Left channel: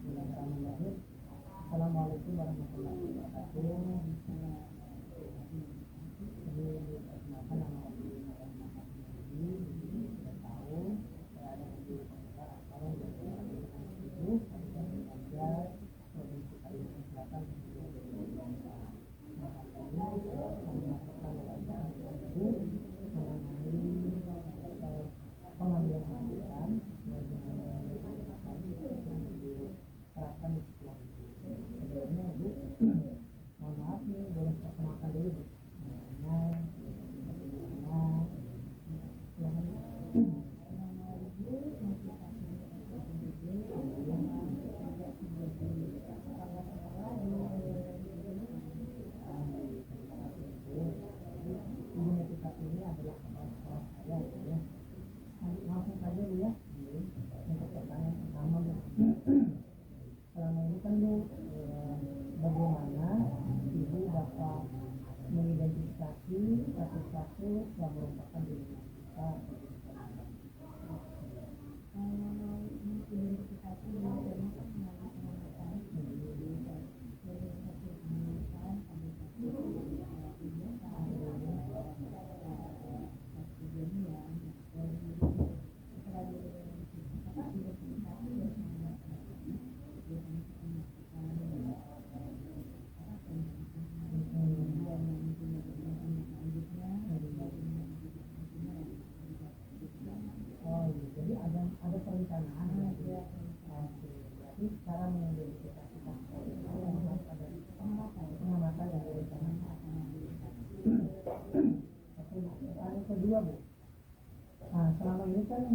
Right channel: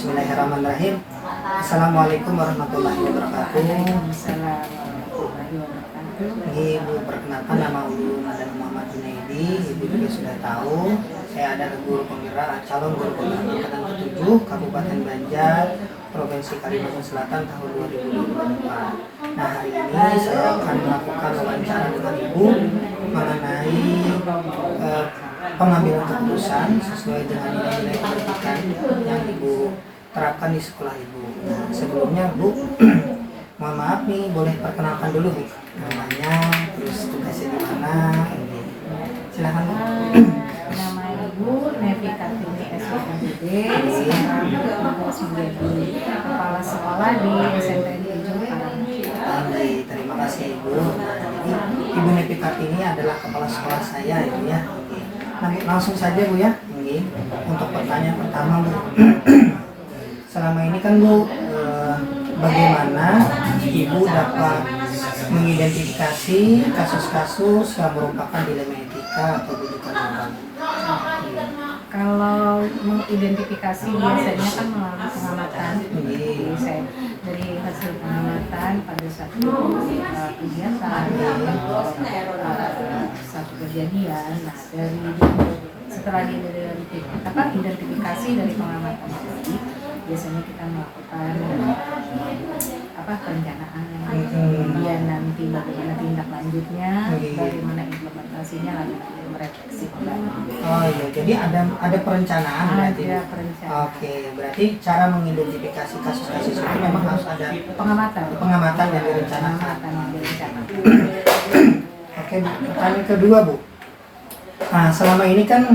Bismillahirrahmanirrahim. Assalamualaikum warahmatullahi wabarakatuh. Ibu perkenalkan, nama Ulu Madan Muhammad Junaidi. Ibu juga sudah tahu saya ada guru penggerak calon guru penggerak angkatan ke-7 Kabupaten Banjar, Provinsi Kalimantan Selatan tahun 2024. Nah, hari ini saya akan melakukan wawancara dengan Ibu mengenai pengambilan keputusan sesuai dengan nilai-nilai pendidikan yang Ibu terapkan di sekolah Ibu. Nah, sebelumnya Bu, mohon maaf nih, boleh perkenalkan dulu Bu, namanya, terus tugasnya di mana? Silakan Bu. Nama Ibu Nevi Kartini SPKBD, sekarang bertugas menjadi kepala sekolah di SMPN 7 Karanganyar. Terima kasih Ibu. Nah, jadi Ibu Nevi Kartini adalah kepala sekolah saya Ibu ya. Nah, langsung saja Bu ya. Untuk pertanyaan pertama Bu, selama ini kan Bu, bagaimana Ibu dapat mengidentifikasi kasus-kasus yang merupakan dilema etika atau rujukan moral? Kalau mengidentifikasi biasanya kan melalui pengamatan. Jadi saya dari hasil pengamatan pada satu kegiatan atau satu kejadian, nah setelah identifikasi dari pengamatan tadi, biasanya kita melakukan perencanaan, kemudian nanti bagaimana tindak lanjutnya, bagaimana implementasinya, lalu merefleksi kembali. Oh iya, jadi ada perencanaan berarti. Ada perencanaan. Oke, berarti cara mengidentifikasi kasus-kasus itu memang harus ada pengamatan yang direncanakan. Oke, pertanyaan kedua Bu. Nah, selama ini kan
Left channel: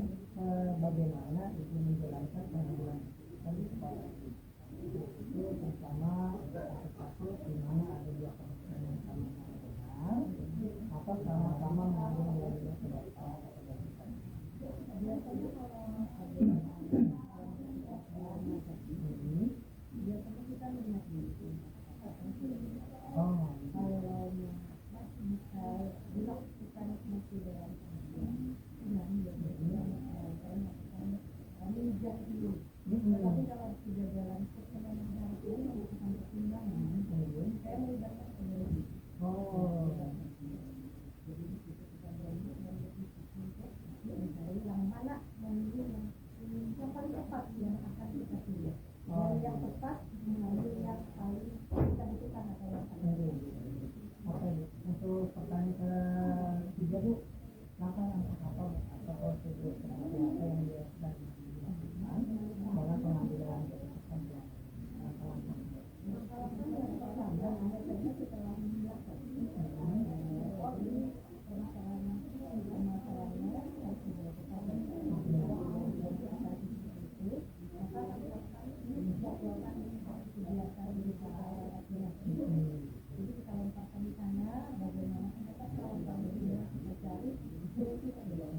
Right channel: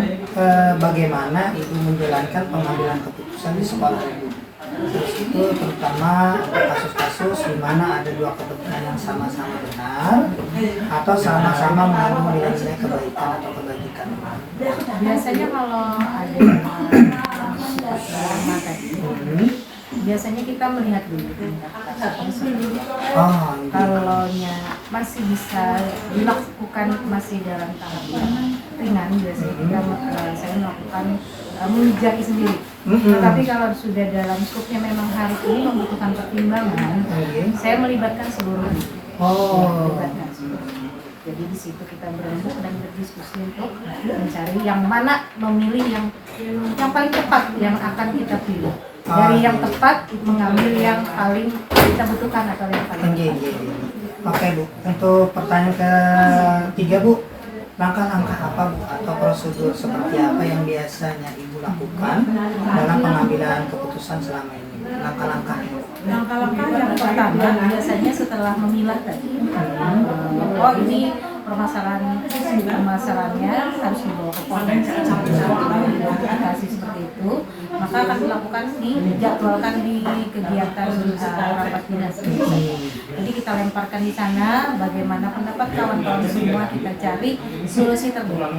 bagaimana Ibu menjalankan pengambilan keputusan di sekolah Ibu? Terus itu terutama kasus-kasus di mana ada dua kepentingan yang sama-sama benar atau sama-sama mengandung nilai-nilai kebaikan atau kebajikan. Biasanya kalau ada biasanya kita melihat dulu tingkat kasus tersebut. Kalau masih bisa dilakukan masih dalam tahap yang ringan, biasanya saya melakukan menjadi sendiri. Tetapi kalau sudah dalam skupnya memang hari ini membutuhkan pertimbangan, saya melibatkan seluruh. Melibatkan seluruh. Jadi di situ kita berembuk dan berdiskusi untuk mencari yang mana, memilih yang paling tepat yang akan kita pilih. Dari yang tepat mengambil yang paling kita butuhkan atau yang paling tepat. Oke Bu, untuk pertanyaan ketiga Bu, langkah-langkah apa Bu atau prosedur seperti apa yang biasanya Ibu lakukan dalam pengambilan keputusan selama ini? Langkah-langkahnya. Langkah-langkah yang pertama biasanya setelah memilah tadi, ini permasalahannya harus dibawa ke Polres, identifikasi seperti itu, maka akan dilakukan dijadwalkan di kegiatan rapat dinas. Jadi kita lemparkan di sana, bagaimana pendapat kawan-kawan semua, kita cari solusi terbaik.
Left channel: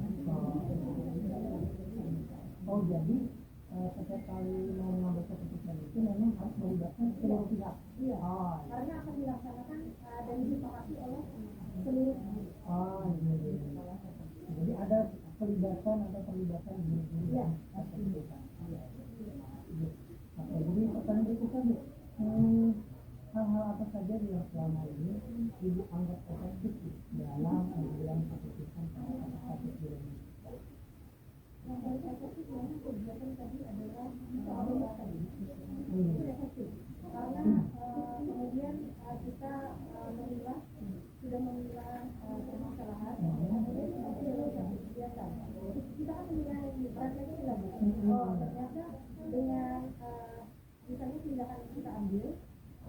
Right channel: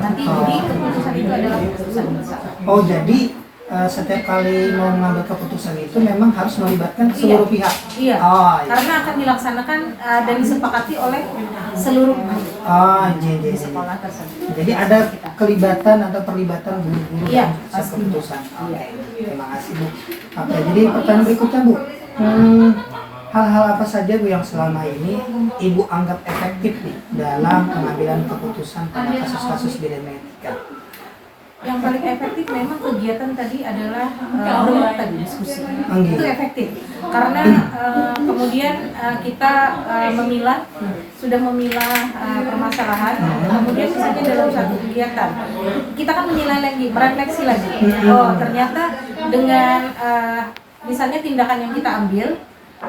Nanti jadi keputusan itu adalah keputusan bersama. Oh, jadi setiap kali mau mengambil keputusan itu memang harus melibatkan seluruh pihak. Iya. Karena akan dilaksanakan dan disepakati oleh seluruh di sekolah tersebut. Jadi ada kelibatan atau perlibatan guru-guru dalam keputusan. Terima kasih Bu. Oke, jadi pertanyaan berikutnya Bu. Hal-hal apa saja Bu yang selama ini Ibu anggap efektif nih dalam pengambilan keputusan pada kasus-kasus dilema etika? Yang paling efektif memang kegiatan tadi adalah berembuk tadi diskusi. Itu efektif karena kemudian kita sudah memilah permasalahan, kemudian misalnya dalam satu kegiatan kita kan menilai lagi, merefleksi lagi. Oh, ternyata dengan misalnya tindakan yang kita ambil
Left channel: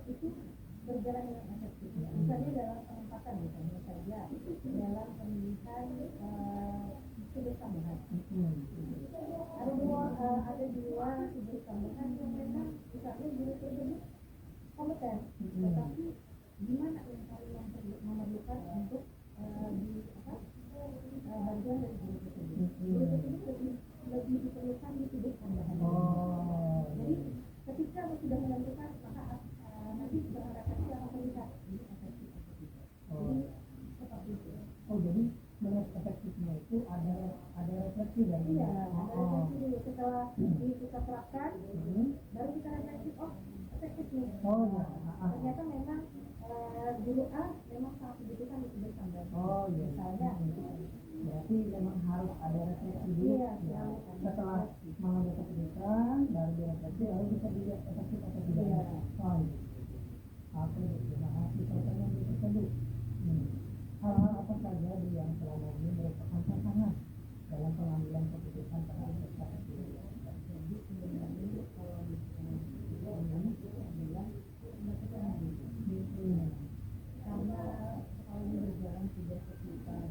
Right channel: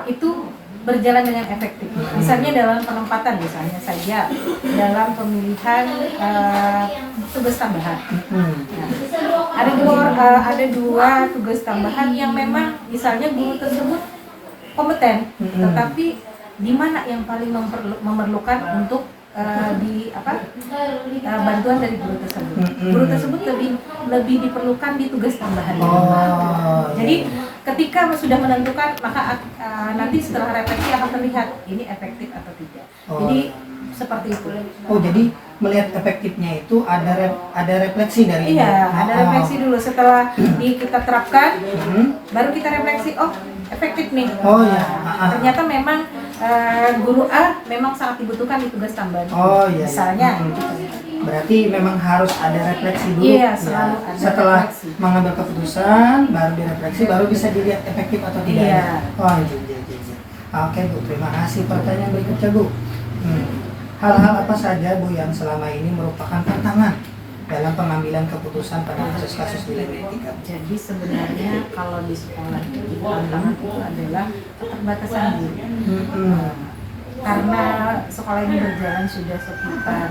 itu berjalan dengan efektif. Misalnya dalam penempatan, misalnya saja dalam pemilihan tugas tambahan. Nah, ada dua tugas tambahan yang memang misalnya guru tersebut kompeten, tetapi di mana yang paling memerlukan untuk bantuan dari guru tersebut. Guru tersebut lebih diperlukan di tugas tambahan. Jadi ketika sudah menentukan maka nanti setelah refleksi akan terlihat ini efektif atau tidak. Jadi seperti itu. Oh, jadi melihat efektifnya itu ada refleksi dari iya, ada refleksi dulu setelah kita terapkan, baru kita refleksi, oh efektif nih. Oh ya. Ternyata memang guru A memang sangat dibutuhkan di tugas tambahan. Oh iya. Misalnya. Berarti memang harus ada refleksi dulu. Iya, selalu ada setelah refleksi. mengambil keputusan, baru direfleksi, baru bisa dilihat efektif atau tidak. Iya. Oh iya. Oke Bu, terima kasih. Pertanyaan berikutnya Bu. Hal-hal apa saja Bu yang selama ini merupakan tantangan dalam pengambilan keputusan pada kasus-kasus dilema etika? Jadi sebenarnya kalau di sekolah itu tantangan itu adalah keterbatasan guru. Karena sekolah ini berjalan sudah sekitar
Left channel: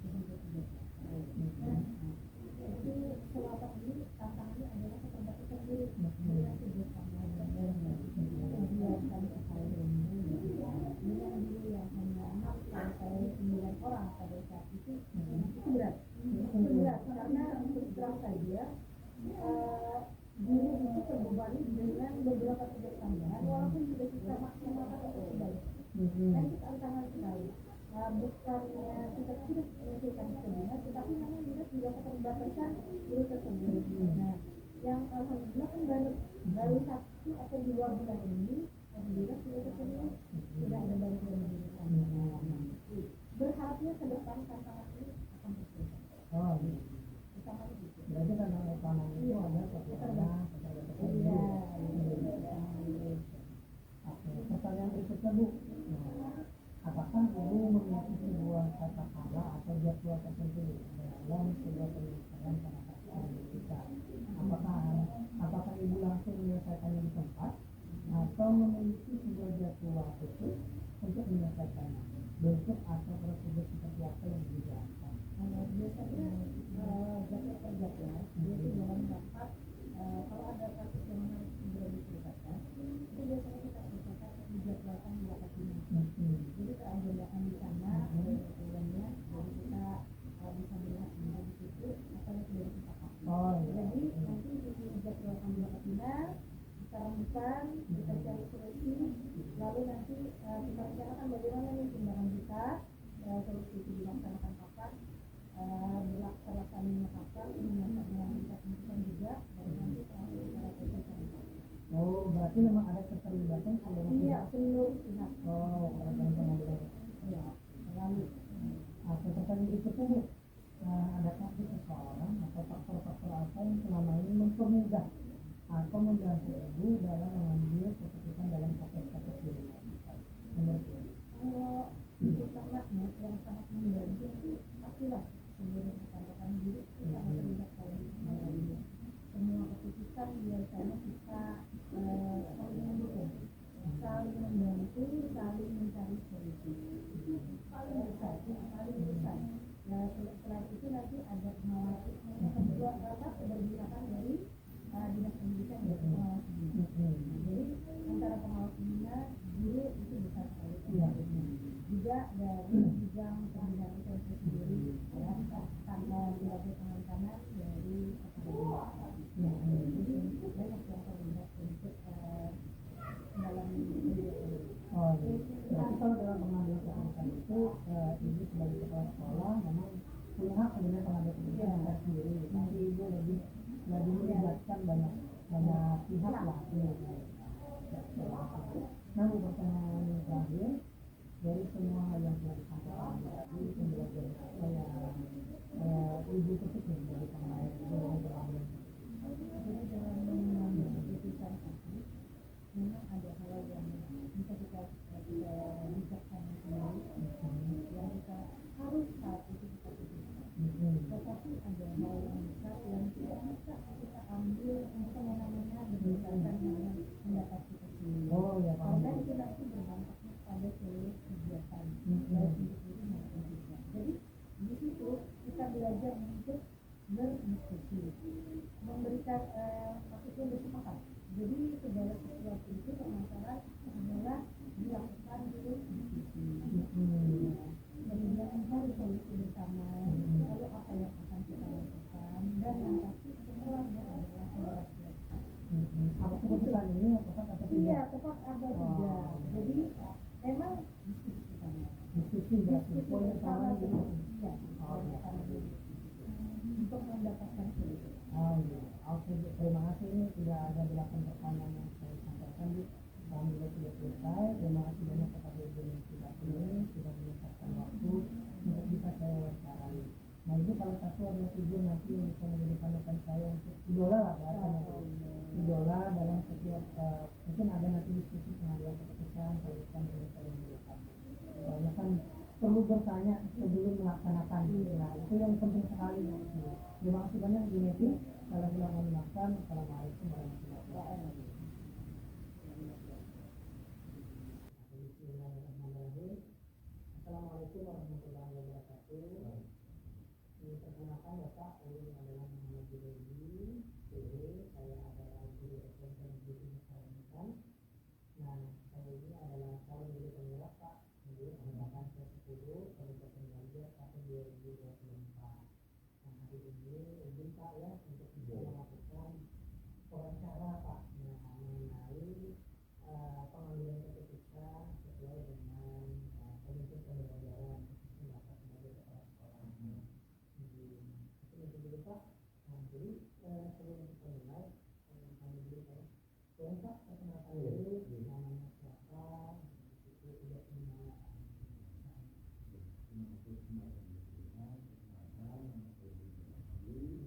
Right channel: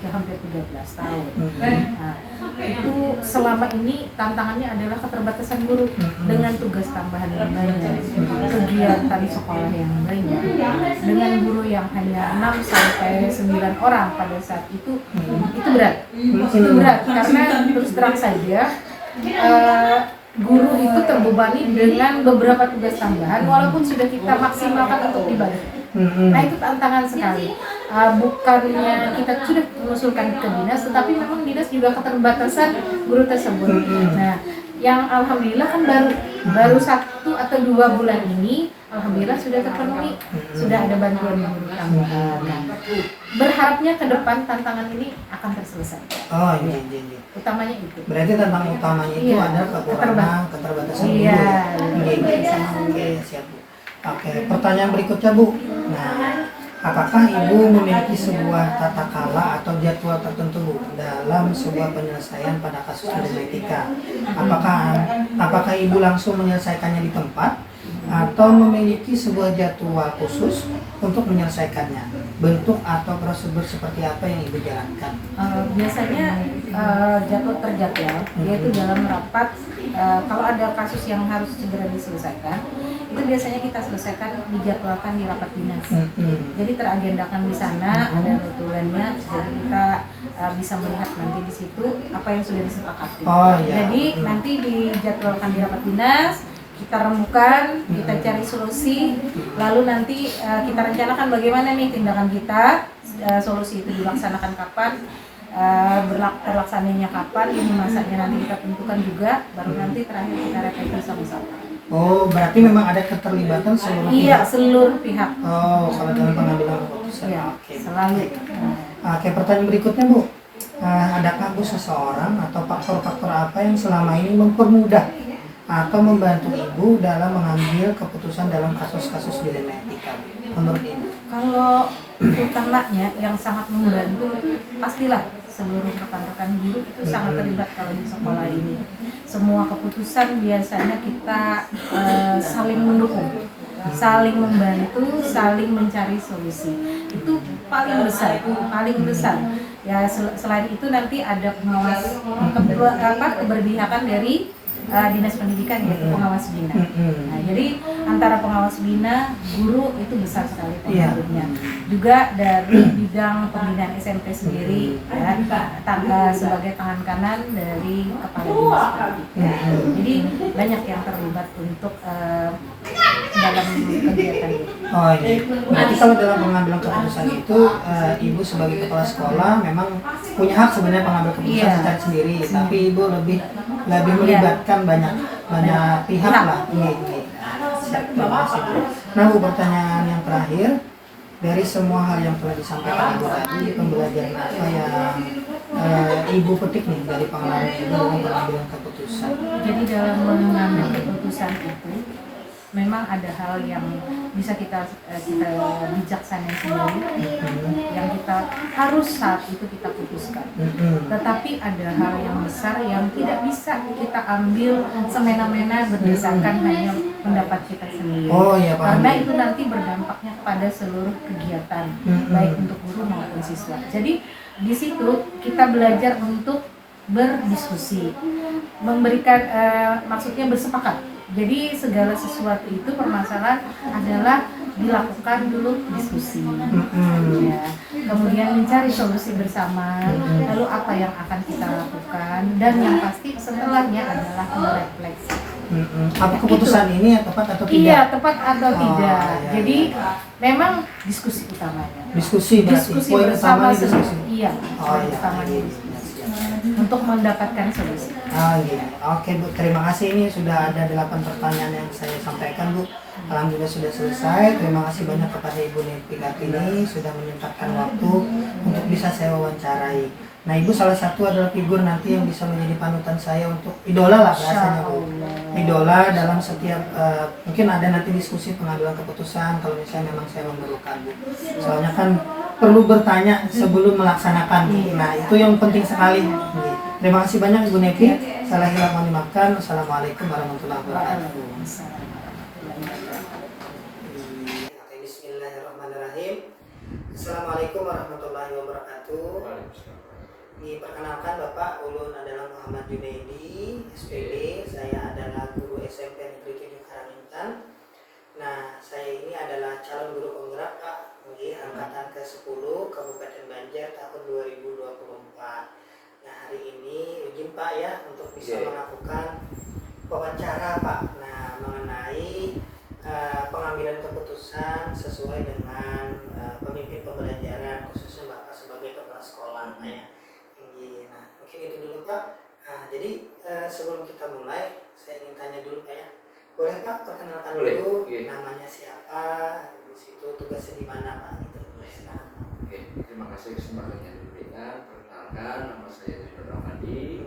hampir 13 tahun. Nah, itu selama ini tantangannya adalah keterbatasan guru dengan tugas tambahan yang banyak, kegiatan sekolah yang banyak, dengan guru yang hanya 6 sampai 9 orang pada saat itu berat. Itu berat karena terus terang saja guru itu terbebani dengan beberapa tugas tambahan walaupun sudah kita maksimalkan untuk ibadah. Nah itu tantangan sekali. Bukannya kita sudah mengusulkan ke dinas, tetapi memang dinas juga keterbatasan guru tersebut. Nah, yang alhamdulillah kan baru 1 atau 2 bulan ini, alhamdulillah sudah terpenuhi, sudah ada bantuan guru tambahan. Berharapnya ke depan tantangan ini akan terselesaikan. Oh iya. Utamanya itu. Berarti tantangan utamanya itu ada kekurangan keterbatasan guru. Oke, siap Bu. Oke, pertanyaan berikutnya Bu. Nah, apakah Ibu memiliki sebuah tata kala atau jadwal tertentu Bu dalam sebuah penyelesaian pada kasus dilema etika? Apakah Ibu langsung menyelesaikannya di tempat atau memiliki sebuah jadwal khusus untuk menyelesaikannya? Bentuk atau prosedur seperti apa yang Ibu jalankan? Biasanya jadwal terjadwal, yaitu dalam rapat. Kalau ada kasus yang harus segera diselesaikan, itu biasanya kita selesaikan dijadwalkan di rapat dinas. Jadi teragendakan di sana, ada notulennya, jadi kita bisa melihat nanti di situ apa yang sudah disepakati. Jadi nanti dijadwalkan di rapat dinas, kita remukan, kita cari solusi, lalu nanti kita rencanakan bagaimana nih tindakan kita, solusi itu dilaksanakan kapan, terlaksananya kapan, ini masanya nanti kita tentukan juga, baru nanti terakhir kita refleksi sama-sama. Oh, berarti memang ada keterlibatan seluruh pihak? Iya, seluruh pihak. Oh, kalau dalam pengambilan keputusan. Iya, Oke. selalu. Oke, pertanyaan berikutnya Bu. Adakah Bu seseorang atau faktor-faktor apa yang selama ini mempermudah atau membantu Ibu dalam mengambil keputusan dalam kasus-kasus dilema etika menurut Ibu? Kalau utamanya yang sangat membantu pastilah seluruh rekan-rekan guru itu sangat terlibat kalau di sekolah ini. Semua keputusan biasanya kita saling mendukung, saling membantu, saling mencari solusi. Itu paling besar. Ya selain itu nanti ada pengawas keberpihakan dari dinas pendidikan, yaitu pengawas bina. Nah, jadi antara pengawas bina, guru itu besar sekali pengaruhnya. Juga dari bidang pembinaan SMP sendiri, ya, sebagai tangan kanan dari kepala dinas pendidikan. Jadi banyak yang terlibat untuk dalam kegiatan itu. Oh iya. Berarti kalau dalam pengambilan keputusan itu Ibu sebagai kepala sekolah memang punya hak sebenarnya pengambil keputusan secara sendiri, tapi Ibu lebih melibatkan banyak pihak lah. Iya. Siap, terima kasih. Nah Bu, pertanyaan yang terakhir, dari semua hal yang telah disampaikan Ibu tadi, pembelajaran apa yang Ibu petik nih dari pengalaman Ibu dalam pengambilan keputusan? Jadi dalam mengambil keputusan itu memang ada hal yang bisa kita bijaksana sendiri, yang kita harus saat itu kita putuskan. Tetapi ada hal yang besar yang tidak bisa kita ambil semena-mena berdasarkan hanya pendapat kita sendiri. Karena itu nanti berdampaknya kepada seluruh kegiatan, baik untuk guru maupun siswa. Jadi di situ kita belajar untuk berdiskusi, memberikan maksudnya bersepakat. Jadi segala sesuatu itu permasalahan adalah dilakukan dulu diskusi, ya. Kemudian mencari solusi bersama, lalu apa yang akan kita lakukan, dan yang pasti setelahnya adalah merefleksi. Apa keputusan Itu. ini ya tepat atau tidak? Iya, tepat atau tidak. Iya, Jadi iya. memang diskusi utamanya. Diskusi berarti. Diskusi Poin bersama utamanya diskusi. Iya, poin iya. utamanya Iya, diskusi. iya, iya. Untuk mendapatkan solusi. Gitu. Oke Bu, terima kasih. Ini sudah ada 8 pertanyaan yang saya sampaikan Bu. Alhamdulillah sudah selesai. Terima kasih banyak kepada Ibu Nepi Kartini sudah menyempatkan waktu untuk bisa saya wawancarai. Nah Ibu salah satu adalah figur nanti yang bisa menjadi panutan saya untuk idola lah bahasanya Bu. Idola dalam setiap mungkin ada nanti diskusi pengambilan keputusan kalau misalnya memang saya memerlukan Bu. Soalnya kan perlu bertanya sebelum melaksanakan Bu. Nah itu yang penting sekali. Terima kasih banyak Ibu Nepi. Salah hilaf mohon dimaafkan. Wassalamualaikum warahmatullahi wabarakatuh. Bismillahirrahmanirrahim. Assalamualaikum warahmatullahi wabarakatuh. Perkenalkan Bapak, ulun adalah Muhammad Junaidi, SPD. Saya adalah guru SMP Negeri 7 Karangintang. Nah, saya ini adalah calon guru penggerak Pak, angkatan ke-10 Kabupaten Banjar tahun 2024. Nah, hari ini izin Pak ya untuk bisa melakukan wawancara Pak. Nah, mengenai pengambilan keputusan sesuai dengan pemimpin pembelajaran khususnya Bapak sebagai kepala sekolah ya. Nah, mungkin itu dulu Pak. Jadi sebelum kita mulai, saya ingin tanya dulu Pak ya. Boleh Pak perkenalkan dulu namanya siapa, di situ tugasnya di mana Pak? Terima kasih kesempatan yang diberikan. Perkenalkan, nama saya Junior Ramadi,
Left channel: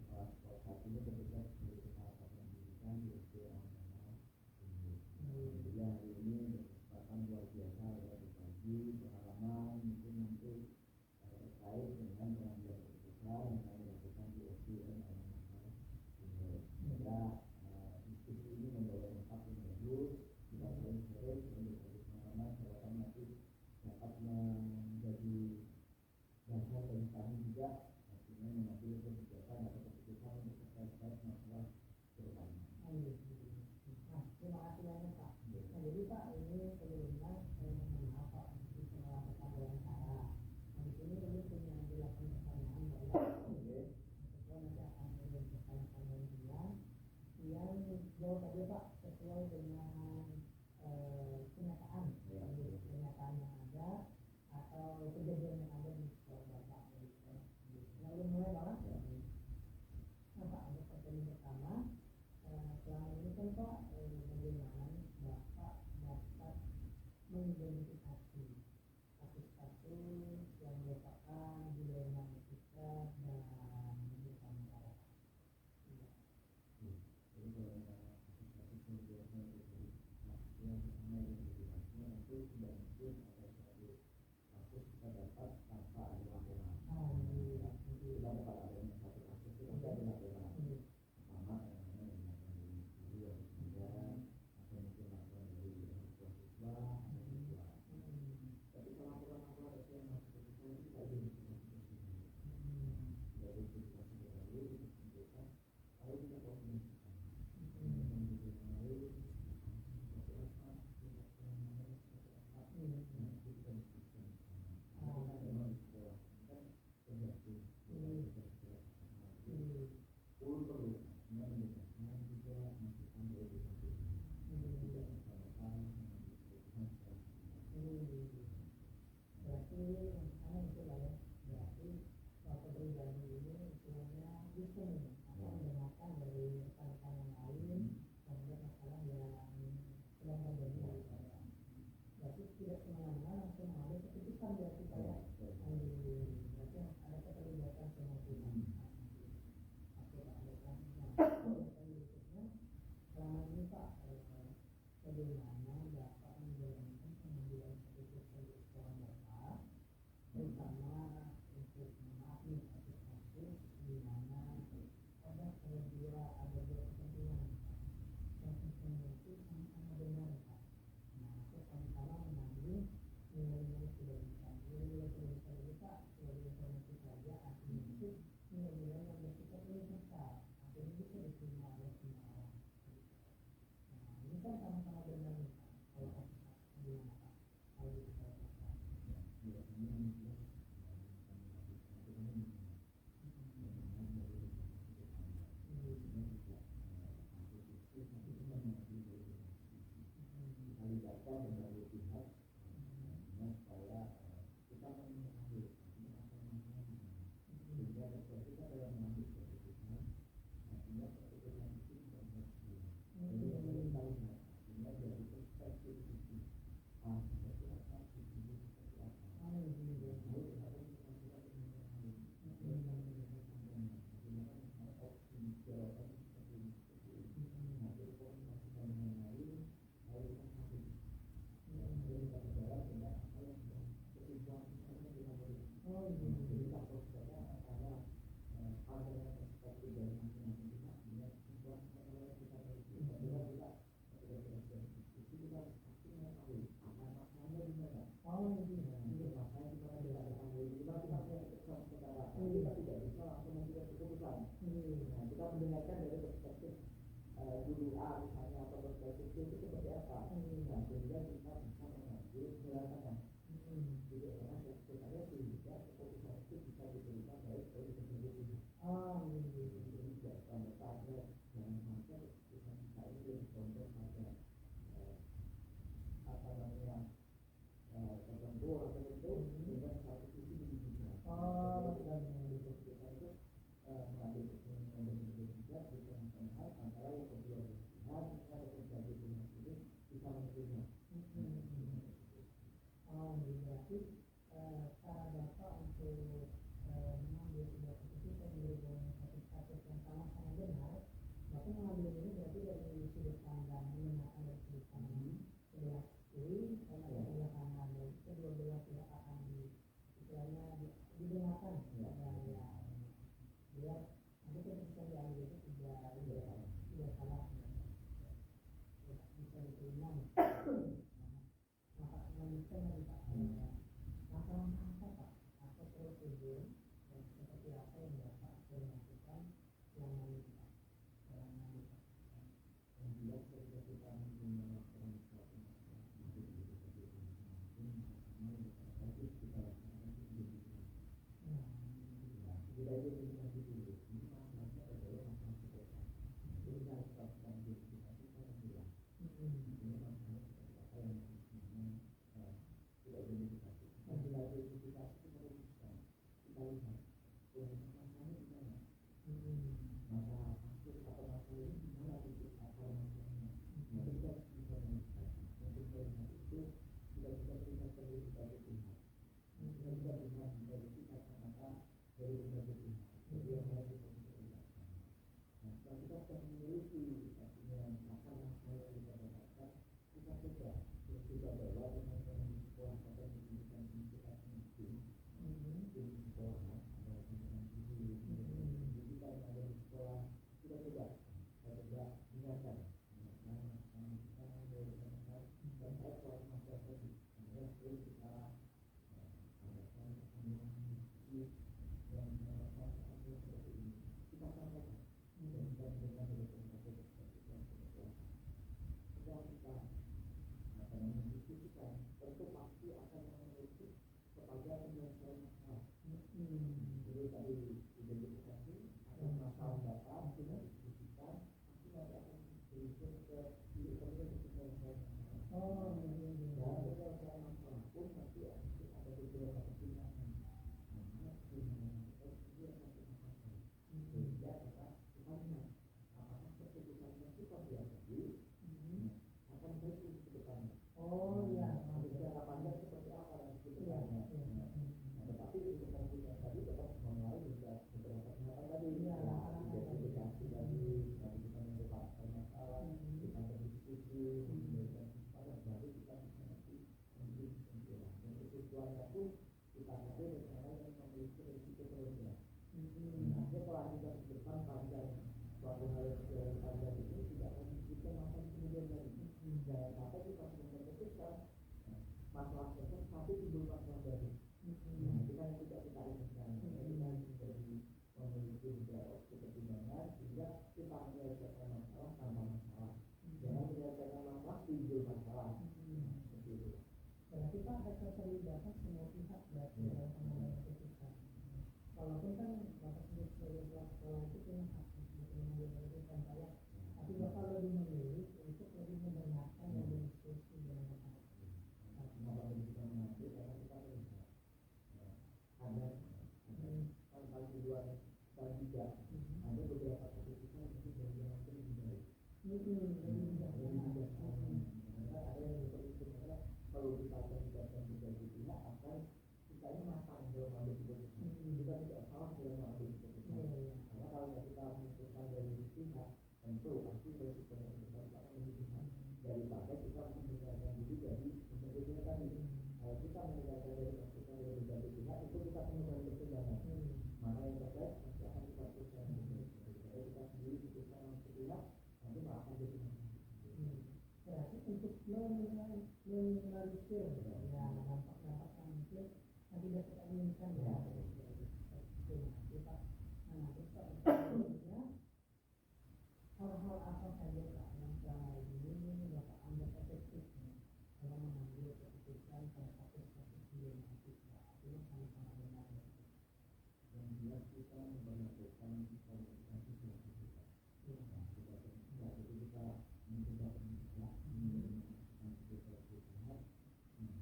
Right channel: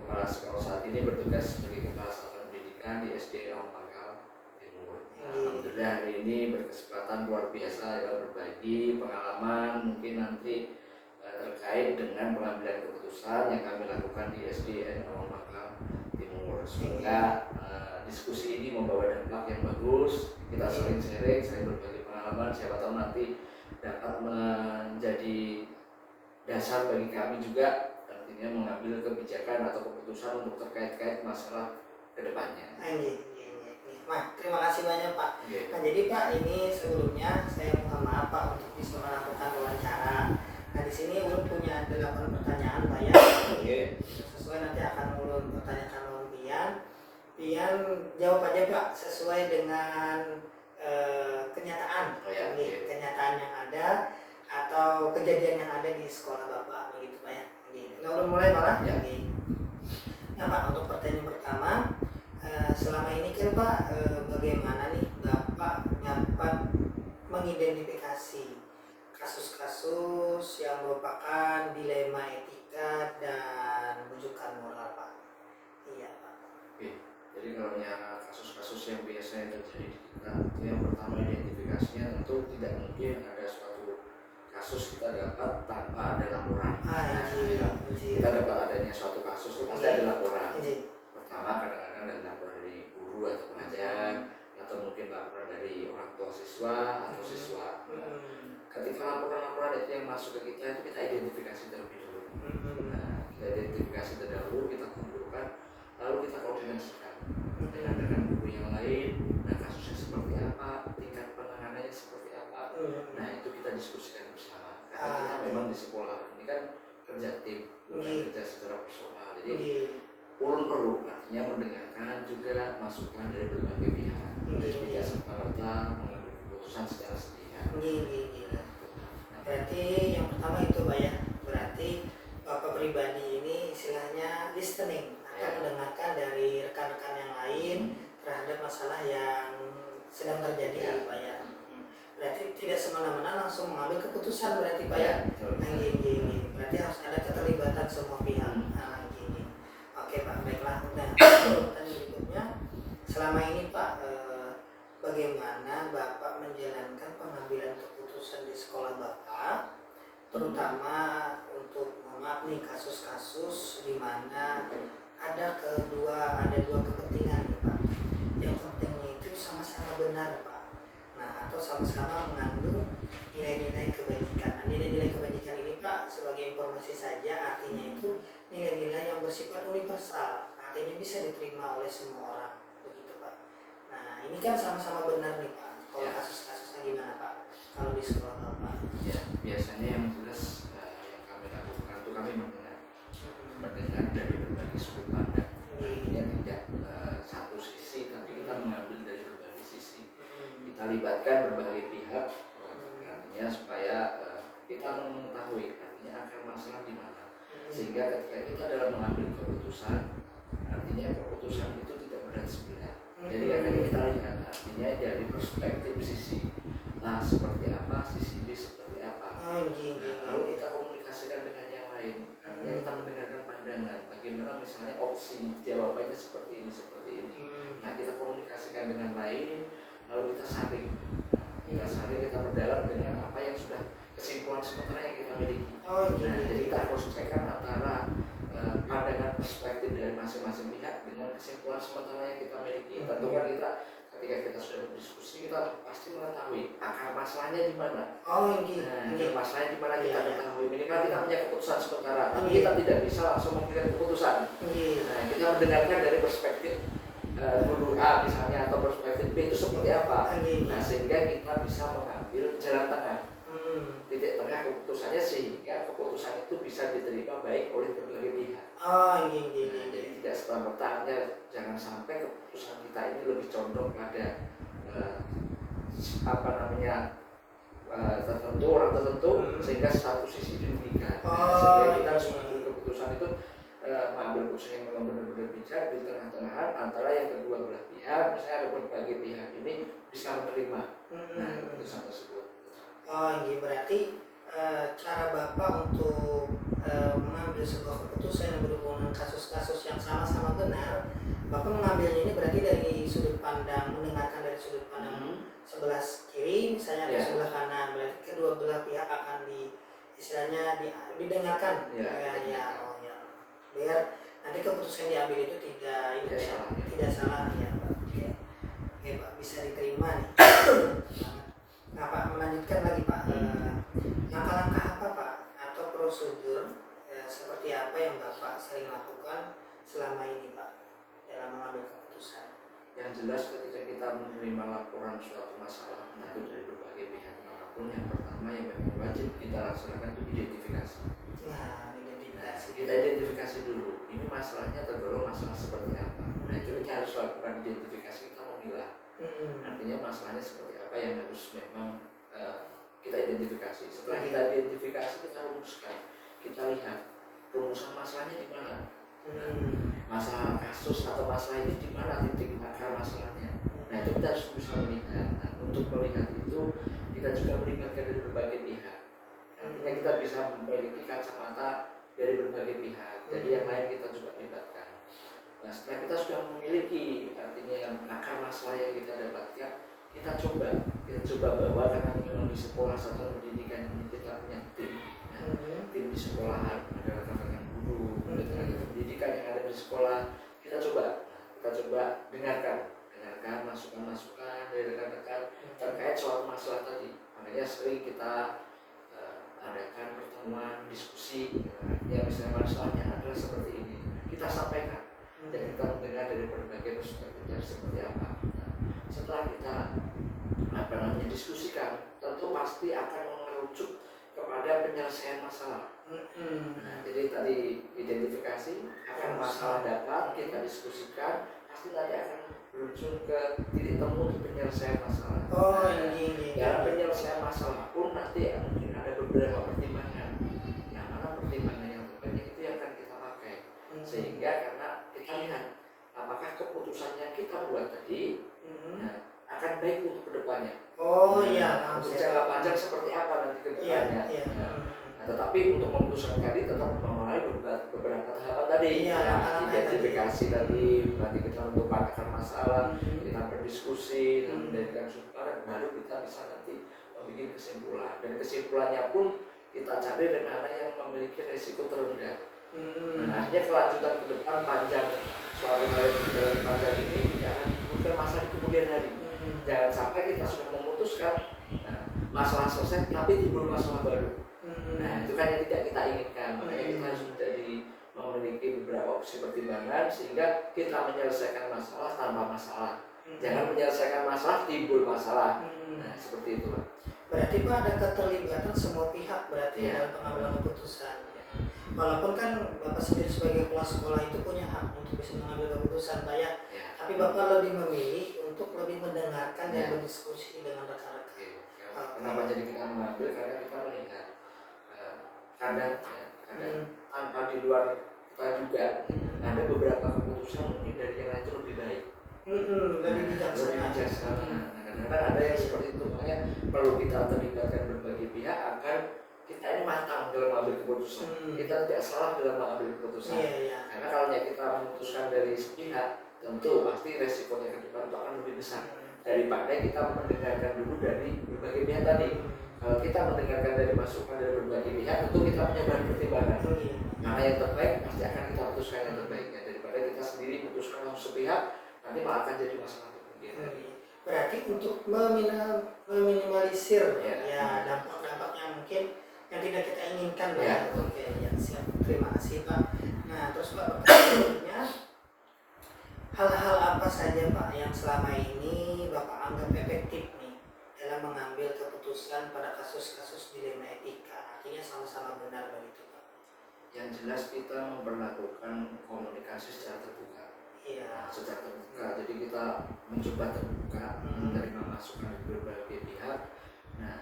kepala sekolah saat ini bertugas sebagai kepala satuan pendidikan di SD Pangkal Timur. Alhamdulillah hari ini berkesempatan luar biasa ya berbagi pengalaman mungkin nanti terkait dengan pengambilan keputusan yang kami lakukan di SDN Pangkal Timur. Sehingga diskusi ini membawa dampak yang bagus. Kita sering sharing, sering berbagi pengalaman. Siapa tahu nanti dapat menjadi dasar bagi kami juga artinya mengambil kebijakan atau keputusan untuk terkait masalah kedepannya. Nah, terima kasih banyak Pak. Nah, jadi Pak ini sebelumnya saya mohon maaf Pak untuk bisa melakukan wawancara. Nah, di sini ulun punya 8 pertanyaan Pak ya. Sesuai nanti akan ulun pertanyakan oleh Pian jawab aja Pak sesuai dengan kenyataan. Kenyataan yang ada atau kejadian yang ada di sekolah Bapak begitu Pak ya. Nah, ulun mulai Pak. Nah Pak, untuk pertanyaan pertama, selama ini kan Pak bagaimana nih Bapak dapat mengidentifikasi kasus-kasus yang merupakan dilema etika dan rujukan moral Pak? Iya Pak. Jadi kalau yang kasus-kasus yang biasanya terjadi di kita, yang pertama identifikasinya tentu tidak mungkin ada suatu kasus kita dapat tanpa ada laporan. Kita dapat adanya suatu kasus itu pasti ada laporan. Pertama kadang-kadang ada laporan dari guru atau pengajar, atau mungkin laporan dari orang tua siswa atau siswa. Ketika laporan-laporan itu yang masuk ke kita itu kita identifikasi terlebih dulu. Nah, kita identifikasi terlebih dahulu, kita kumpulkan, lalu kita koordinasikan dengan guru yang lain. Nah, kasusnya seperti apa, tingkat penanganannya seperti apa. Nah, itu kita diskusikan bersama. Karena kita memang di sekolah ini kan kerja tim, bukan kerja secara personal. Jadi ulun perlu artinya mendengarkan juga masukan dari berbagai pihak. Jadi tidak serta-merta mengambil keputusan secara sepihak. Berarti yang pertama itu Pak ya. Berarti Bapak pribadi ini istilahnya listening atau mendengarkan dari rekan-rekan yang lain terhadap masalah yang sedang terjadi Pak ya. Berarti tidak semena-mena langsung mengambil keputusan berarti Pak ya. Berarti harus ada keterlibatan semua pihak. Oke Pak, baiklah. Nah, pertanyaan berikutnya, selama ini Pak bagaimana Bapak menjalankan pengambilan keputusan di sekolah Bapak, terutama untuk maaf nih kasus-kasus di mana ada dua kepentingan nih Pak. Yang pentingnya itu sama-sama benar Pak. Nah, atau sama-sama mengandung nilai-nilai kebajikan. Nah, nilai-nilai kebajikan ini Pak sebagai informasi saja artinya itu nilai-nilai yang bersifat universal, artinya bisa diterima oleh semua orang begitu Pak. Nah, ini kan sama-sama benar nih Pak. Kalau kasus-kasusnya gimana Pak? Kalau di sekolah Bapak? Ya, biasanya yang jelas yang kami lakukan itu kami mendengar dari berbagai sudut pandang. Artinya tidak satu mengetahui artinya akar masalah di mana. Sehingga ketika kita dalam mengambil keputusan, artinya keputusan itu tidak berat sebelah. Jadi akan kita lihat artinya dari perspektif sisi A seperti apa, sisi B seperti apa. Lalu kita komunikasikan dengan yang lain. Artinya kita mendengarkan pandangan. Bagaimana misalnya opsi jawabannya seperti ini, seperti ini. Nah kita komunikasikan dengan lain, lalu kita saring. Kita berdalam dengan apa yang sudah kesimpulan sementara yang kita miliki. Jadi kita harus cekkan antara pandangan perspektif dari masing-masing pihak dengan kesimpulan sementara yang kita miliki. Tentu kan kita ketika kita sudah berdiskusi kita pasti mengetahui akar masalahnya di mana. Akar masalahnya di mana kita ketahui. Minimal kita punya keputusan sementara, tapi kita tidak bisa langsung memberikan keputusan. Nah, kita mendengarkan dari perspektif guru A misalnya atau perspektif B itu seperti apa. Nah, sehingga kita bisa mengambil jalan tengah. Titik tengah keputusannya sehingga keputusan itu bisa diterima baik oleh berbagai pihak. Jadi tidak serta-merta, jangan sampai keputusan kita ini lebih condong pada tertentu, orang tertentu, sehingga satu sisi dirugikan. Sehingga kita harus mengambil keputusan itu mengambil keputusan yang memang benar-benar bijak di tengah-tengahan antara yang kedua belah pihak, misalnya ada berbagai pihak ini bisa menerima keputusan tersebut. Berarti cara Bapak untuk mengambil sebuah keputusan yang berhubungan dengan kasus-kasus yang sama-sama benar, Bapak mengambilnya ini berarti dari sudut pandang, mendengarkan dari sudut pandang sebelah kiri misalnya atau sebelah kanan, berarti kedua belah pihak akan didengarkan. Biar nanti keputusan yang diambil itu tidak salah ya Pak. Oke Pak, bisa diterima nih. Nah Pak, melanjutkan lagi Pak, langkah-langkah apa Pak atau prosedur seperti apa yang Bapak sering lakukan selama ini Pak dalam mengambil keputusan? Yang jelas ketika kita menerima laporan suatu masalah itu dari berbagai pihak manapun, yang pertama yang memang wajib kita laksanakan itu identifikasi. Kita identifikasi dulu, ini masalahnya tergolong masalah seperti apa. Nah itu kita harus lakukan identifikasi, kita memilah. Artinya masalahnya seperti apa yang harus memang kita identifikasi. Setelah kita identifikasi, kita rumuskan, kita lihat rumusan masalahnya di mana. Masalah kasus atau masalah ini di mana titik akar masalahnya. Nah itu kita harus bisa melihat. Nah, untuk melihat itu kita juga melibatkan dari berbagai pihak. Artinya kita bisa memiliki kacamata dari berbagai pihak. Jadi yang lain kita juga libatkan. Nah setelah kita sudah memiliki artinya yang akar masalah yang kita dapatkan, kita coba bawa, karena memang di sekolah satuan pendidikan ini kita punya tim di sekolahan, ada rekan-rekan guru, ada tenaga pendidikan yang ada di sekolah. Kita coba dengarkan masukan-masukan dari rekan-rekan terkait soal masalah tadi. Makanya sering kita adakan pertemuan diskusi, ya misalnya masalahnya adalah seperti ini, kita sampaikan dan kita mendengar dari berbagai perspektif seperti apa. Nah, setelah kita diskusikan, tentu pasti akan mengerucut kepada penyelesaian masalah. Nah, jadi tadi identifikasi akan masalah dapat kita diskusikan, pasti nanti akan berujung ke titik temu untuk penyelesaian masalah. Dalam penyelesaian masalah pun nanti mungkin ada beberapa pertimbangan. Yang mana pertimbangan yang terbanyak itu yang akan kita pakai. Sehingga karena kita lihat apakah keputusan yang kita buat tadi akan baik untuk kedepannya. Untuk jangka panjang seperti apa nanti kedepannya. Nah, tetapi untuk memutuskan tadi tetap melalui beberapa tahapan tadi. Identifikasi tadi, nanti kita menentukan akar masalah, kita berdiskusi, mendapatkan sumber, baru kita bisa nanti membuat kesimpulan. Dan kesimpulannya pun kita cari dari mana yang memiliki risiko terendah. Nah, akhirnya kelanjutan ke depan panjang suatu dalam panjang ini tidak akan menimbulkan masalah di kemudian hari. Jangan sampai kita sudah memutuskan masalah selesai tapi timbul masalah baru. Nah itu kan yang tidak kita inginkan. Makanya kita harus memiliki beberapa opsi pertimbangan sehingga kita menyelesaikan masalah tanpa masalah. Jangan menyelesaikan masalah timbul masalah. Nah seperti itu Pak. Berarti Pak ada keterlibatan semua pihak berarti dalam pengambilan keputusan. Walaupun kan Bapak sendiri sebagai kepala sekolah itu punya hak untuk bisa mengambil keputusan Pak ya. Tapi Bapak lebih memilih untuk lebih mendengarkan dan berdiskusi dengan rekan-rekan. Kenapa jadi kita mengambil? Karena kita melihat kadang tanpa di luar kita juga ada beberapa keputusan mungkin dari yang lain itu lebih baik, lebih bijaksana. Nah, kadang-kadang ada yang seperti itu, makanya perlu kita terlibatkan berbagai pihak agar kita ini matang dalam mengambil keputusan. Kita tidak salah dalam mengambil keputusan. Karena kalau kita memutuskan dari sepihak, tentu pasti resikonya ke depan itu akan lebih besar daripada kita mendengarkan dulu dari berbagai pihak tadi. Kalau kita mendengarkan dari masukan dari berbagai pihak, tentu kita punya bahan pertimbangan. Mana yang terbaik pasti akan kita putuskan yang terbaiknya, daripada kita sendiri putuskan langsung sepihak, nanti malah akan jadi masalah. Berarti untuk meminimalisir ya dampak-dampak yang mungkin yang tidak kita inginkan ya. Oke, ya siap. Terima kasih Pak. Nah, terus Pak, pertanyaannya, hal-hal apa saja Pak yang selama ini Bapak anggap efektif nih dalam mengambil keputusan pada kasus-kasus dilema etika, artinya sama-sama benar begitu Pak? Yang jelas kita memperlakukan komunikasi secara terbuka. Iya. Secara terbuka, jadi kita mencoba terbuka, menerima masukan dari berbagai pihak. Nah,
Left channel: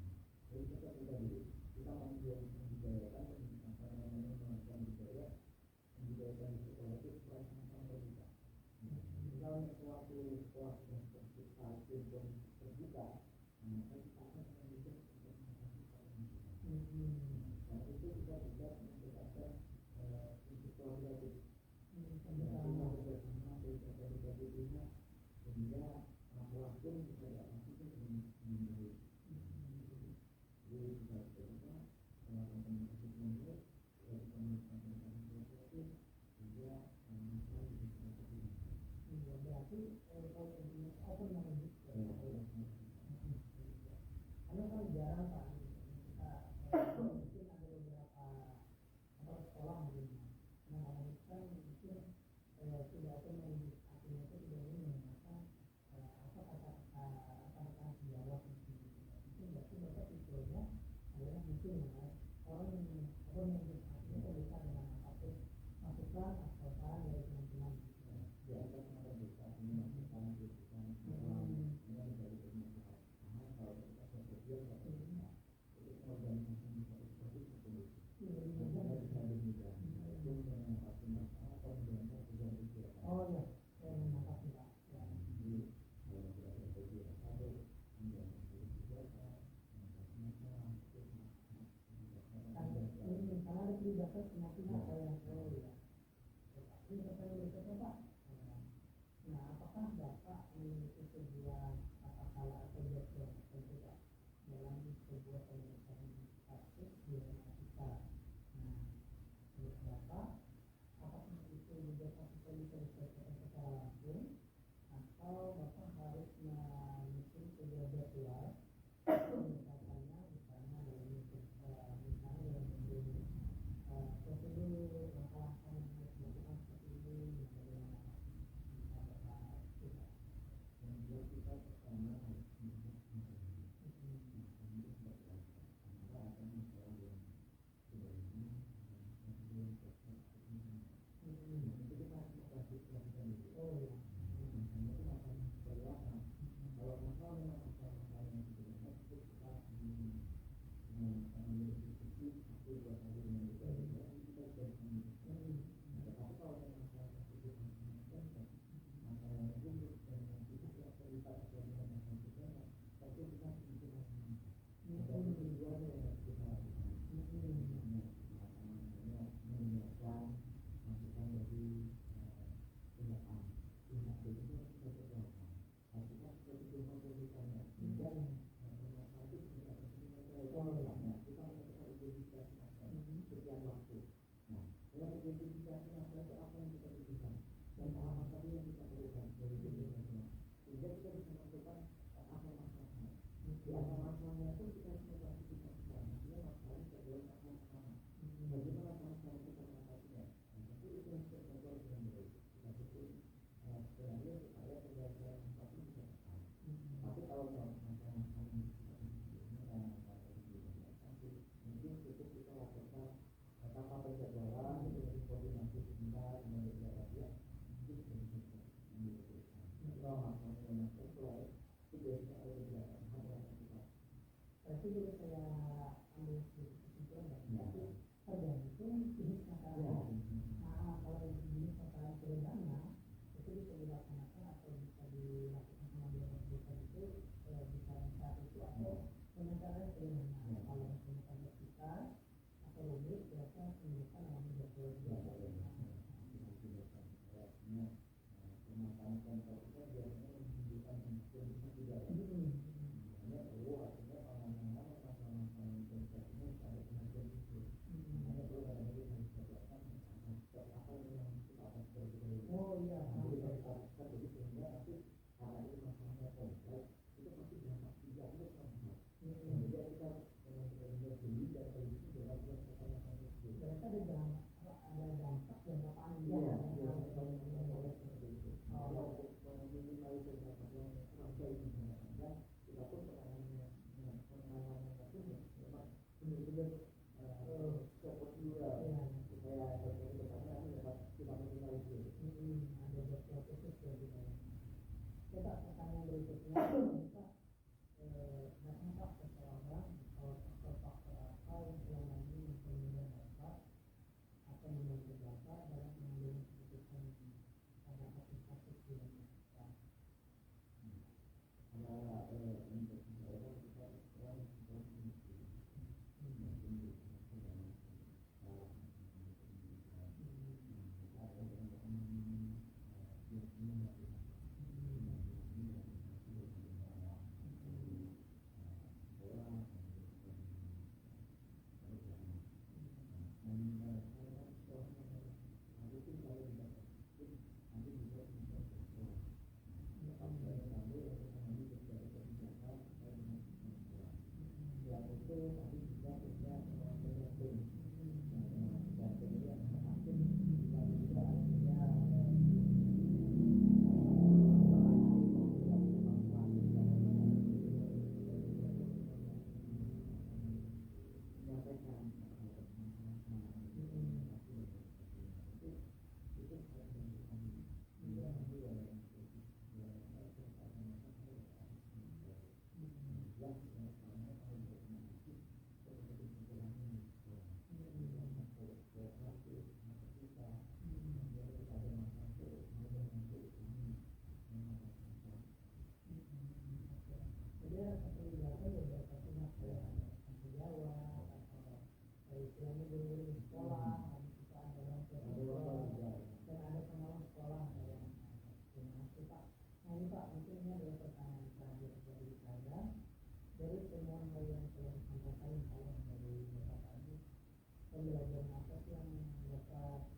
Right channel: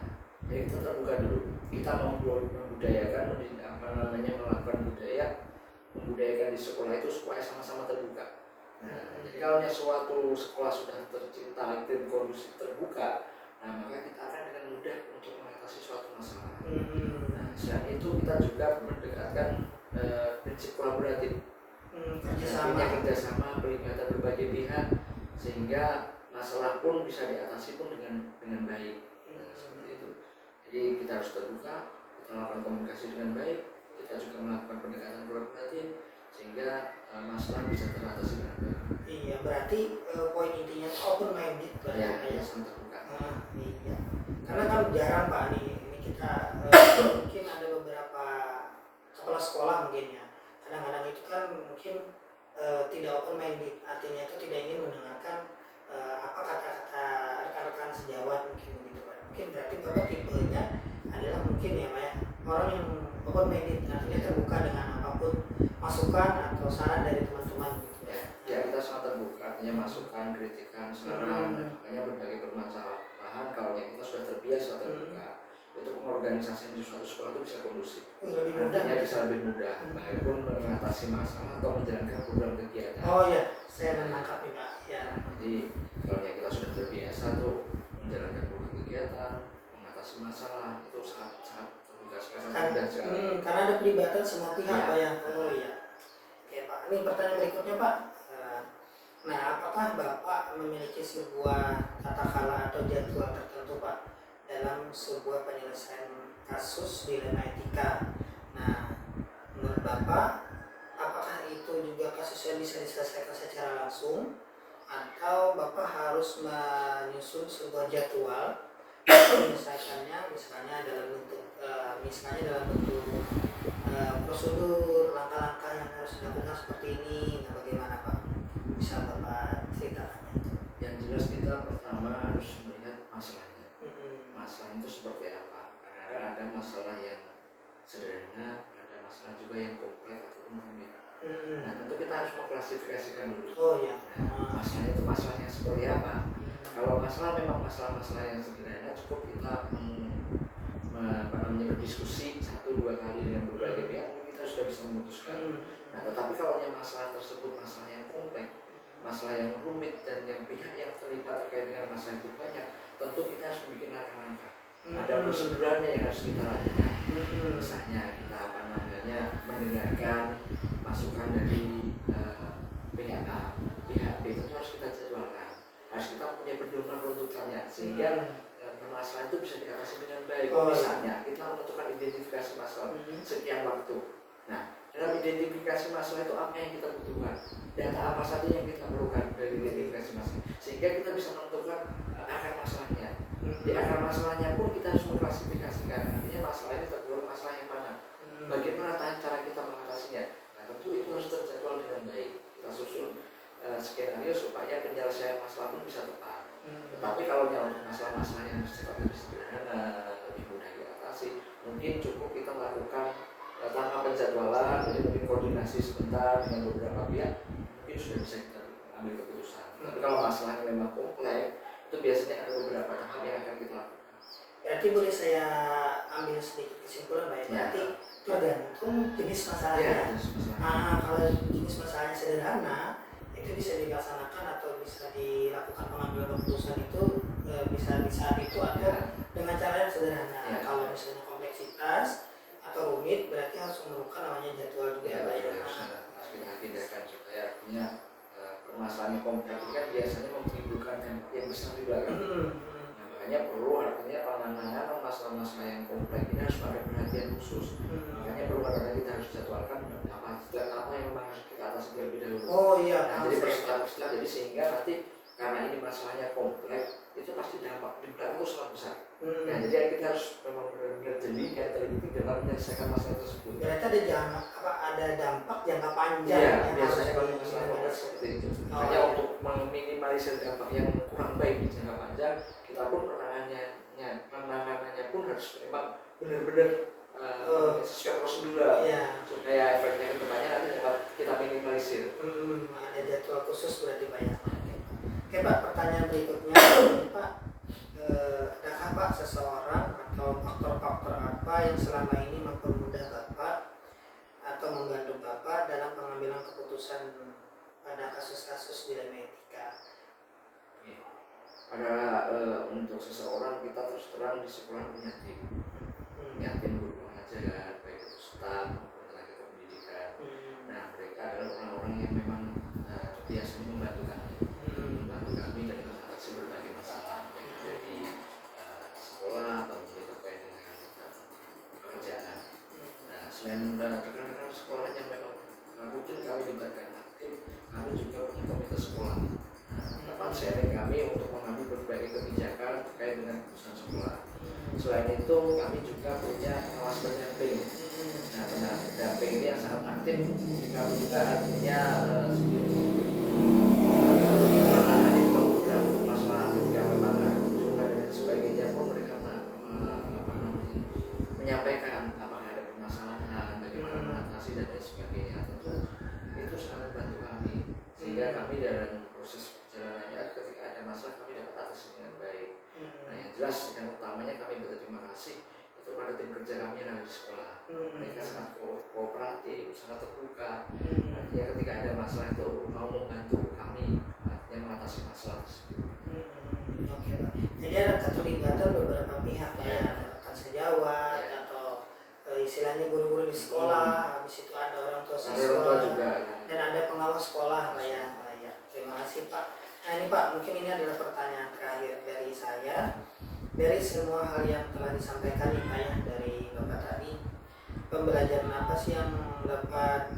ya kita terbuka dulu. Kita membudayakan, melakukan membudayakan di sekolah itu supaya sama-sama terbuka. Nah, jadi kalau suatu sekolah sudah tercipta iklim kondusif terbuka, nah maka kita akan dengan mudah untuk mengatasi suatu masalah. Nah, selain itu kita juga mendekatkan prinsip kolaboratif. Kerjasama, pelibatan berbagai pihak, sehingga masalah pun bisa diatasi pun dengan baik. Nah, seperti itu. Jadi kita harus terbuka, kita melakukan komunikasi dengan baik, kita juga melakukan pendekatan kolaboratif, sehingga masalah bisa teratasi dengan baik. Iya, berarti poin intinya open minded Pak. Ya, sangat terbuka. Iya. Karena kan jarang Pak ini kita mungkin ada beberapa kepala sekolah mungkin ya. Kadang-kadang itu kan mungkin tidak open minded, artinya itu tidak ingin mendengarkan apa kata-kata rekan-rekan sejawat mungkin begitu Pak. Mungkin berarti Bapak tipenya adalah mungkin ya Pak ya, orang yang open minded, artinya terbuka dengan apapun masukan atau saran dari teman-teman gitu ya. Ya, kita sangat terbuka, artinya masukan, kritikan, saran, makanya berbagai permasalahan kalau kita sudah terbiasa terbuka, untuk mengorganisasi di suatu sekolah itu bisa kondusif. Lebih mudah. Artinya bisa lebih mudah, baik pun mengatasi masalah atau menjalankan program kegiatan. Oh ya, saya menangkap nih Pak. Ya. Jadi kalau kita sudah terbiasa tuh menjalankan program kegiatan, mengatasi masalah, itu sangat terbuka sekali. Karena ada pelibatan semua pihak Pak ya. Oh iya. Oke Pak, ini pertanyaan berikutnya Pak. Nah, apakah Bapak memiliki sebuah tata khala atau jadwal tertentu Pak dalam sebuah penyelesaian kasus dilema etika? Nah, menurut Bapak, apakah itu juga kasusnya bisa diselesaikan secara langsung, atau Bapak harus menyusun sebuah jadwal menyelesaikannya, misalnya dalam bentuk prosedur, langkah-langkah yang harus dilakukan seperti ini? Nah, bagaimana Pak? Bisa Bapak ceritakan? Yang jelas kita pertama harus melihat masalahnya. Masalah itu seperti apa? Karena ada masalah yang sederhana, ada masalah juga yang kompleks ataupun rumit. Nah, tentu kita harus mengklasifikasikan dulu. Oh ya. Nah, masalahnya itu masalahnya seperti apa? Kalau masalah memang masalah-masalah yang sederhana, cukup kita berdiskusi 1-2 kali dengan berbagai pihak, kita sudah bisa memutuskan. Nah, tetapi kalau masalah tersebut masalah yang kompleks, masalah yang rumit, dan yang pihak yang terlibat terkait dengan masalah itu banyak, tentu kita harus membuat langkah-langkah. Ada prosedurnya yang harus kita lakukan. Misalnya kita mendengarkan masukan dari pihak A, pihak B, itu harus kita jadwalkan. Harus kita punya pedoman runtutannya sehingga permasalahan itu bisa diatasi dengan baik. Misalnya kita menentukan identifikasi masalah sekian waktu. Nah, dalam identifikasi masalah itu apa yang kita butuhkan, data apa saja yang kita perlukan dari identifikasi masalah, sehingga kita bisa menentukan akar masalahnya. Di akar masalahnya pun kita harus mengklasifikasikan, artinya masalah ini tergolong masalah yang mana, bagaimana cara kita mengatasinya. Nah, tentu itu harus terjadwal dengan baik. Kita susun skenario supaya penyelesaian masalah pun bisa tepat. Tetapi kalau untuk masalah-masalah yang sifatnya lebih sederhana, lebih mudah diatasi, mungkin cukup kita melakukan tanpa penjadwalan, jadi mungkin koordinasi sebentar dengan beberapa pihak, mungkin sudah bisa kita ambil keputusan. Tapi kalau masalahnya memang kompleks, itu biasanya ada beberapa tahap yang akan kita lakukan. Berarti boleh saya ambil sedikit kesimpulan Pak? Berarti tergantung jenis masalahnya. Nah, kalau jenis masalahnya sederhana, itu bisa dilaksanakan atau bisa dilakukan pengambilan keputusan itu bisa di saat itu atau dengan cara yang sederhana. Kalau misalnya kompleksitas atau rumit, berarti harus memerlukan namanya jadwal juga ya, Pak ya. Harus kita agendakan supaya artinya permasalahan yang kompleks kan biasanya menimbulkan yang besar di belakang. Nah, makanya perlu artinya penanganan masalah-masalah yang kompleks ini harus ada perhatian khusus. Makanya perlu kadang-kadang kita harus jadwalkan apa yang memang harus kita atasi terlebih dahulu. Oh iya. Nah, jadi berstep-step jadi sehingga nanti karena ini masalahnya kompleks itu pasti dampak di belakang itu sangat besar. Nah, jadi kita harus memang benar-benar jeli dan teliti dalam menyelesaikan masalah tersebut. Berarti ada dampak jangka panjang. Iya, biasanya kalau masalah kompleks seperti itu. Hanya untuk meminimalisir dampak yang kurang baik di jangka panjang, kita pun penanganannya pun harus memang benar-benar sesuai prosedur supaya efeknya ke depannya nanti dapat kita minimalisir. Ada jadwal khusus berarti Pak ya. Oke Pak, pertanyaan berikutnya Pak, adakah Pak seseorang atau faktor-faktor apa yang selama ini mempermudah Bapak atau membantu Bapak dalam pengambilan keputusan pada kasus-kasus dilema etika? Pada untuk seseorang kita terus terang di sekolah punya tim guru pengajar, baik itu staf maupun tenaga kependidikan. Nah, mereka adalah orang-orang yang memang biasanya membantu kami dalam mengatasi berbagai masalah dari sekolah atau terkait dengan pekerjaan. Nah, selain rekan-rekan sekolah yang memang rutin kami libatkan aktif, kami juga punya komite sekolah. Tempat sharing kami untuk mengambil berbagai kebijakan terkait dengan keputusan sekolah. Selain itu kami juga punya pengawas pendamping. Nah, pendamping ini yang sangat aktif. Kami juga artinya menangani program masalah yang memang juga dan sebagainya pun mereka menyampaikan apakah ada permasalahan, bagaimana mengatasi dan lain sebagainya. Tentu itu sangat membantu kami sehingga kami dalam proses perjalanannya ketika ada masalah kami dapat atasi dengan baik. Nah, yang jelas yang utamanya kami berterima kasih itu pada tim kerja kami yang ada di sekolah. Mereka sangat kooperatif, sangat terbuka. Artinya ketika ada masalah itu mau membantu kami artinya mengatasi masalah tersebut. Oke Pak. Jadi ada keterlibatan beberapa pihak ya, ada rekan sejawat atau istilahnya guru-guru di sekolah, habis itu ada orang tua siswa juga, dan ada pengawas sekolah Pak ya. Terima kasih Pak. Nah ini Pak, mungkin ini adalah pertanyaan terakhir dari saya. Dari semua hal yang telah disampaikan nih Pak ya dari Bapak tadi, pembelajaran apa sih yang dapat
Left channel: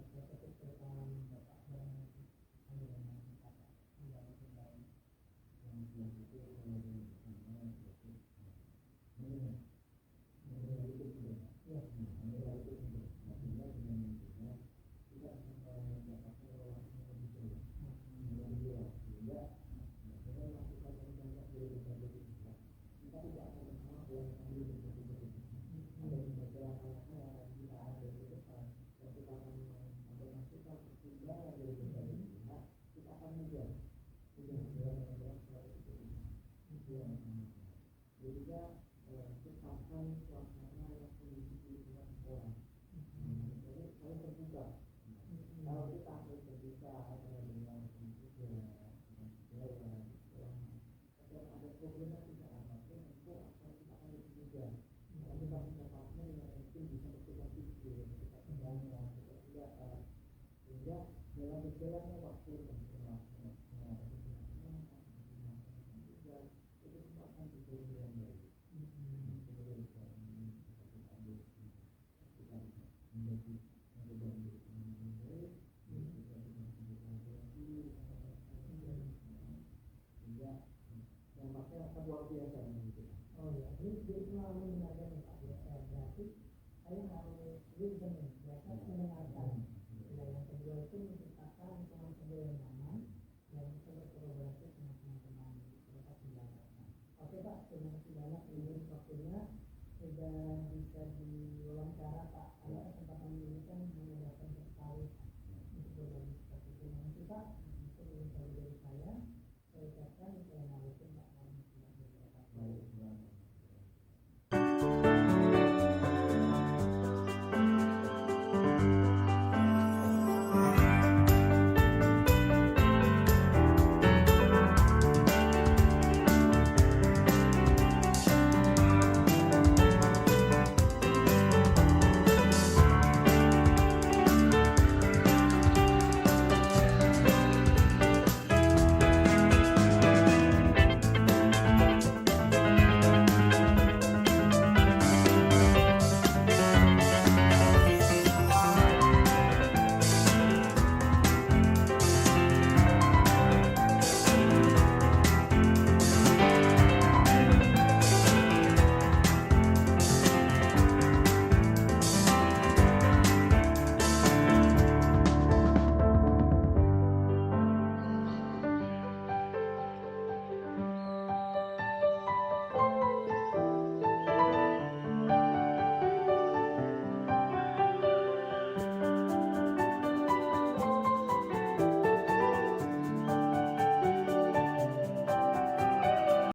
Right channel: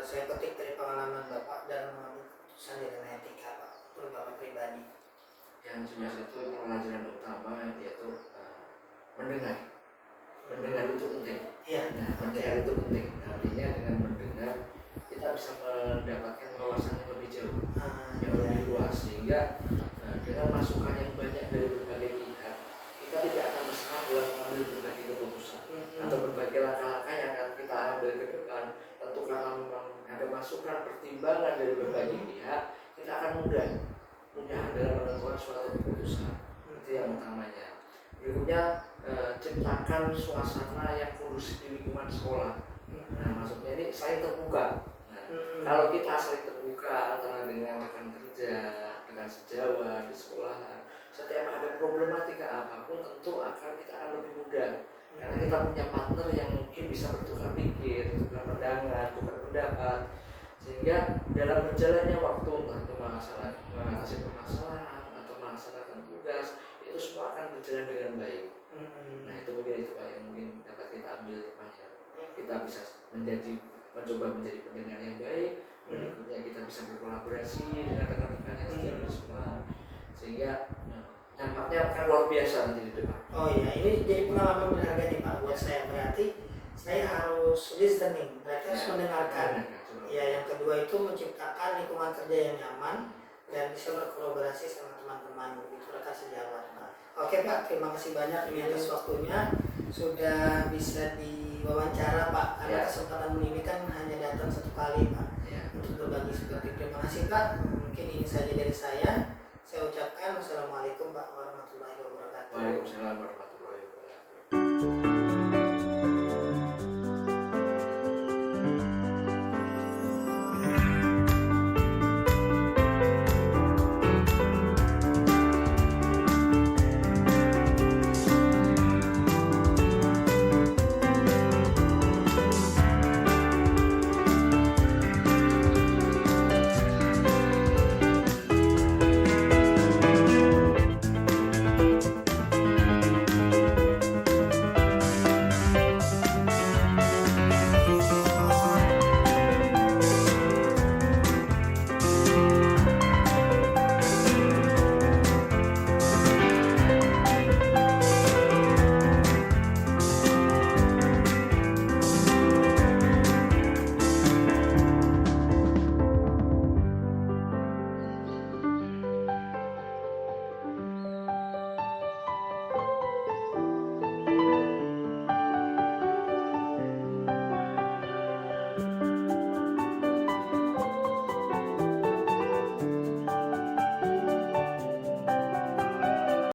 saya petik dari pengalaman Bapak dalam mengambil keputusan dilema etika Pak, untuk Bapak pribadi? Yang jelas itu pelajaran utama yaitu mendengar. Mendengar itu penting. Iya. Nah, mendengar itu penting. Artinya dengan mendengar kita bisa mendapatkan wawasan yang lebih jauh, yang lebih luas, sehingga dengan masukan yang banyak dari berbagai pihak kita tidak akan bersalah dalam mengambil berbagai keputusan atau berbagai langkah-langkah yang akan kita ambil ke depan. Tentu karena memang ada masukan pertimbangan dari berbagai pihak, kita akan mudah dalam menentukan suatu keputusan. Itu yang utamanya. Berikutnya ciptakan suasana yang kondusif di lingkungan sekolah. Nah, maksudnya ini saling terbuka. Nah, kalau kita saling terbuka antara dengan rekan kerja, dengan sejawat di sekolahan, setiap ada problematika apapun tentu kita akan lebih mudah karena kita punya partner yang mungkin bisa bertukar pikir, bertukar pandangan, bertukar pendapat, sehingga dalam berjalannya waktu entah mengatasi permasalahan atau melaksanakan tugas itu semua akan berjalan dengan baik. Nah, itu mungkin itu Pak yang mungkin dapat kita ambil hikmahnya. Kita bisa mencoba menjadi pendengar yang baik. Berikutnya kita bisa berkolaborasi dengan rekan-rekan yang setiap semua, sehingga dampaknya akan luar biasa nanti di depan. Oh iya, ini jadi pengalaman berharga nih Pak buat saya. Berarti saya harus listening, berarti harus mendengarkan. Ya, yang kedua itu menciptakan lingkungan kerja yang nyaman dan bisa berkolaborasi sama teman-teman begitu rekan sejawat. Oke Pak, terima kasih banyak ini atas waktunya sudah bisa diwawancara Pak. Karena kesempatan ini kan hanya datang satu kali Pak untuk berbagi seperti itu. Terima kasih Pak. Mungkin ini saja dari saya. Saya ucapkan wassalamualaikum Pak warahmatullahi wabarakatuh. Waalaikumsalam warahmatullahi wabarakatuh.